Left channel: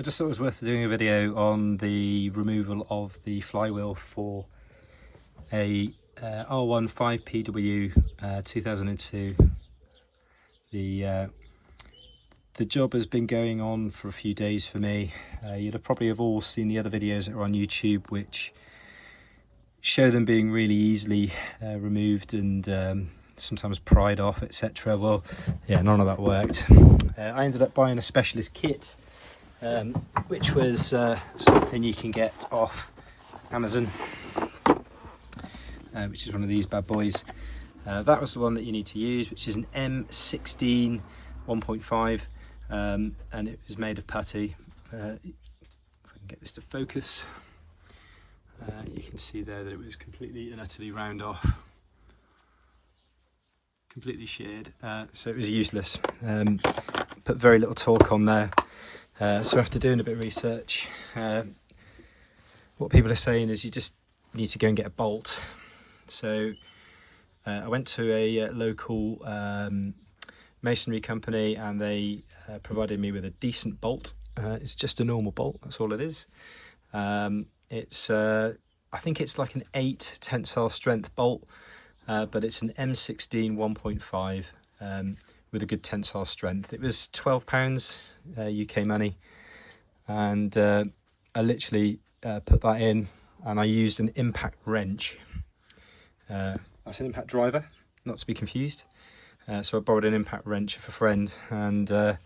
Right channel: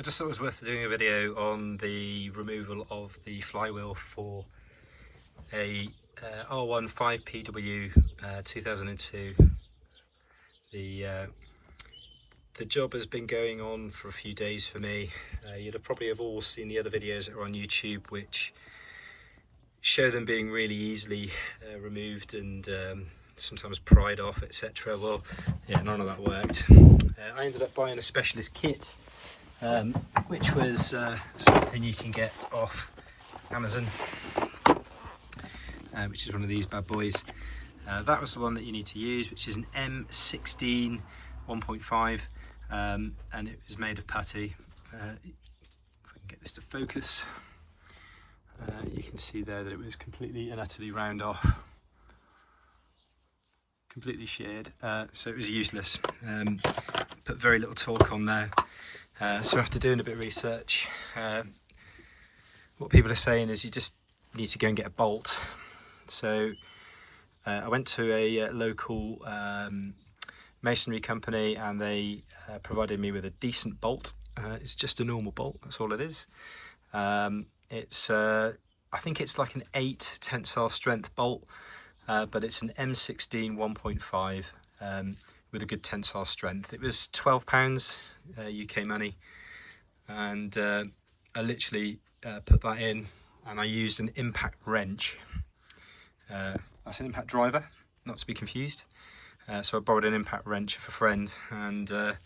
I just thought it was worth doing a video on the removal of the flywheel for a R1 5PW 2002. The job has been going on for a few days for me. You'll have probably have all seen the other videos that are on YouTube which show them being really easily removed and sometimes pried off, etc. Well, yeah, none of that worked. I ended up buying a specialist kit, which was something you can get off Amazon, which is one of these bad boys. That was the one that you need to use, which is an M16 1.5, and it was made of putty. If I can get this to focus, you can see there that it was completely and utterly round off, completely sheared, so it was useless. Put very little torque on there, so after doing a bit of research, what people are saying is you just need to go and get a bolt. So I went to a local masonry company and they provided me with a decent bolt. It's just a normal bolt, that's all it is. It's I think it's like an 8 tensile strength bolt, but it's an M16 1.5 with a good tensile strength. It was £12 UK money, and I literally put that in, and I used an impact wrench. That's an impact driver, not to be confused. So I borrowed an impact wrench of a friend, and that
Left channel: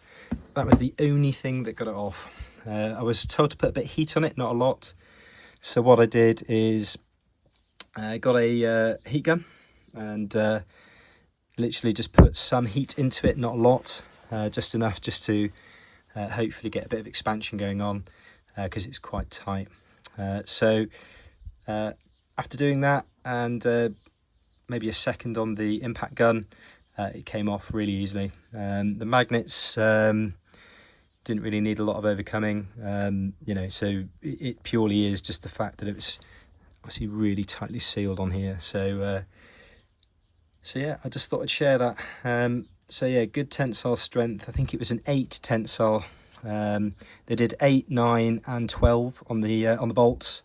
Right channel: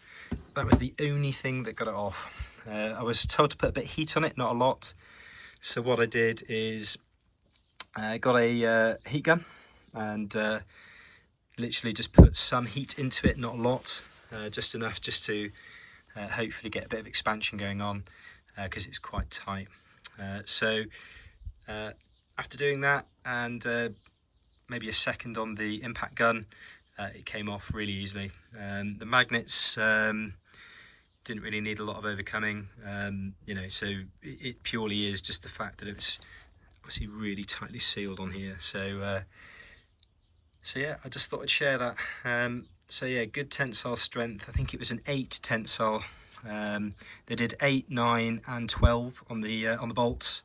was the only thing that got it off. I was told to put a bit of heat on it, not a lot. So what I did is I got a heat gun and literally just put some heat into it, not a lot, just enough just to hopefully get a bit of expansion going on, because it's quite tight. So after doing that and maybe a second on the impact gun, it came off really easily. The magnets didn't really need a lot of overcoming, you know, so it purely is just the fact that it was obviously really tightly sealed on here. So so yeah, I just thought I'd share that. So yeah, good tensile strength. I think it was an 8 tensile. They did 8, 9 and 12 on the bolts,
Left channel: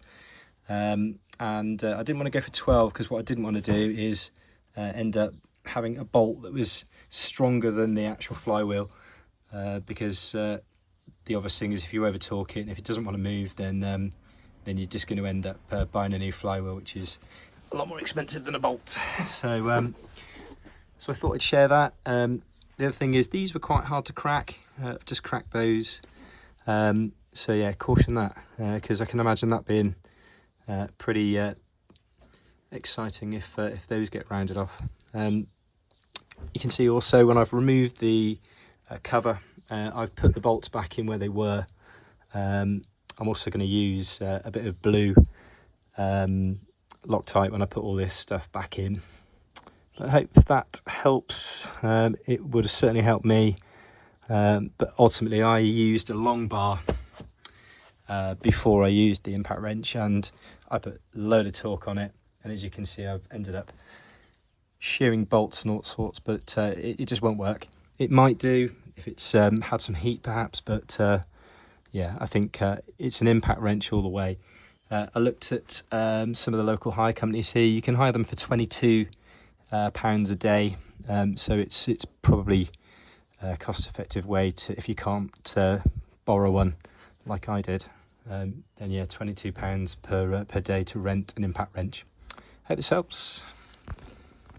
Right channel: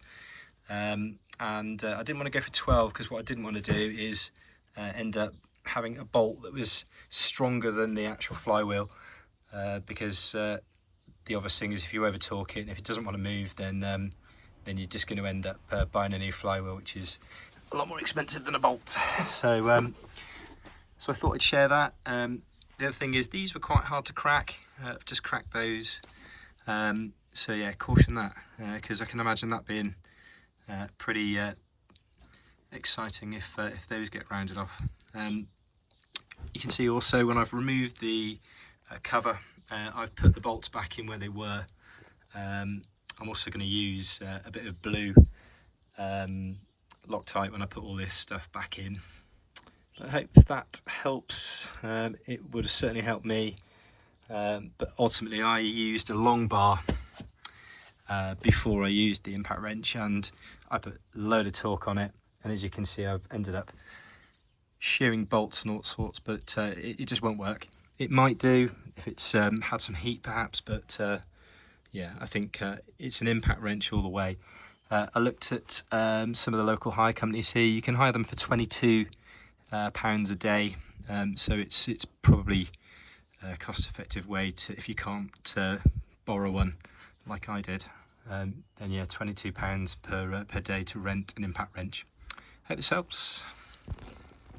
and I didn't want to go for 12 because what I didn't want to do is end up having a bolt that was stronger than the actual flywheel, because the obvious thing is if you over torque it and if it doesn't want to move, then you're just going to end up buying a new flywheel, which is a lot more expensive than a bolt. So so I thought I'd share that. The other thing is these were quite hard to crack. Just cracked those. So yeah, caution that, because I can imagine that being pretty exciting if those get rounded off. You can see also when I've removed the cover, I've put the bolts back in where they were. I'm also going to use a bit of blue Loctite when I put all this stuff back in. I hope that helps. It would have certainly helped me, but ultimately I used a long bar before I used the impact wrench, and I put a load of torque on it, and as you can see I've ended up shearing bolts and all sorts, but it just won't work. It might do if it's had some heat perhaps, but yeah, I think it's an impact wrench all the way. I looked at some of the local hire companies here. You can hire them for £22 a day, so it's probably a cost-effective way to, if you can't borrow one like I did, then yeah, £22 per day to rent an impact wrench. Hope this helps.